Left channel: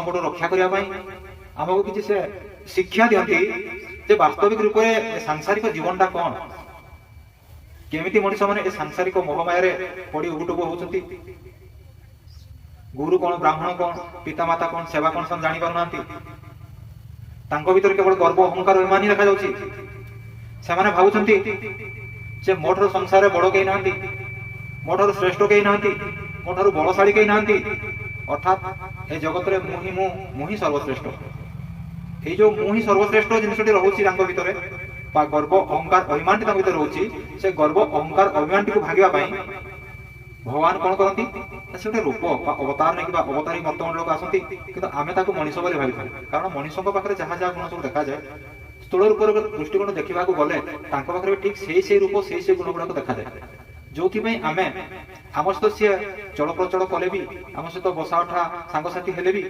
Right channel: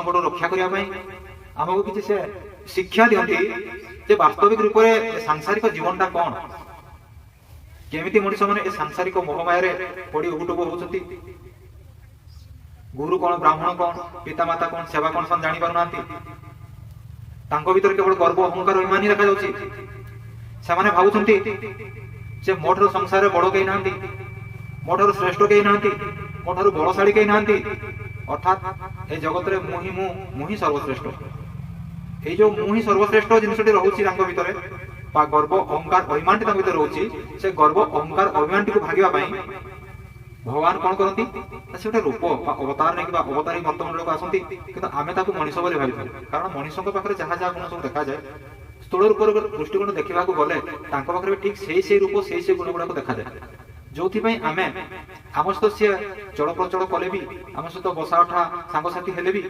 संकट रक्षा करने आमको किसी से शिक्षा दिखती जे वास्तविक रूप से सांसारिक जीवनटा कौन, केमिति मनुष्य मैंने सांसारिक मोहमाया पड़ी उबुटुबु होती। गुरु कौन, ब्राह्मण कौन, पितामाता कौन, सेवा कौन सब जानी पारना भीतर केवल गर्व अहंकार अभिमान ही देखा जाने भावुंट से मोठर संसार बड़ कहीं ना, मोठर श्रेष्ठ कहीं ना, मोठर बलशाड़ी कहीं ना, अर्थात ए जगत मुही सर्वश्रेष्ठ। ये जो मुही सर्वश्रेष्ठ जिनसटी रोचे भीतर बा गर्व अहंकार अभिमान भीतर रोचे, से गर्व अहंकार अभिमान को भागवाई भगवान कौन करती से गोटे रूप अवतार नहीं अवतारी वर्तमान लोक आसती कि आम मनीष भाई भाई कारण मनीषों पाखे जहाँ जहाँ गुण सब देखा जाए स्थूल रूप दृष्टिकोण देखा गले पाखे ठीक से रूप से गुण गुड़ाक देखा जाए जो आम आम सहित सी चल प्रचल कले भी आम सहित बसा उठा सांगसाथी हेले भी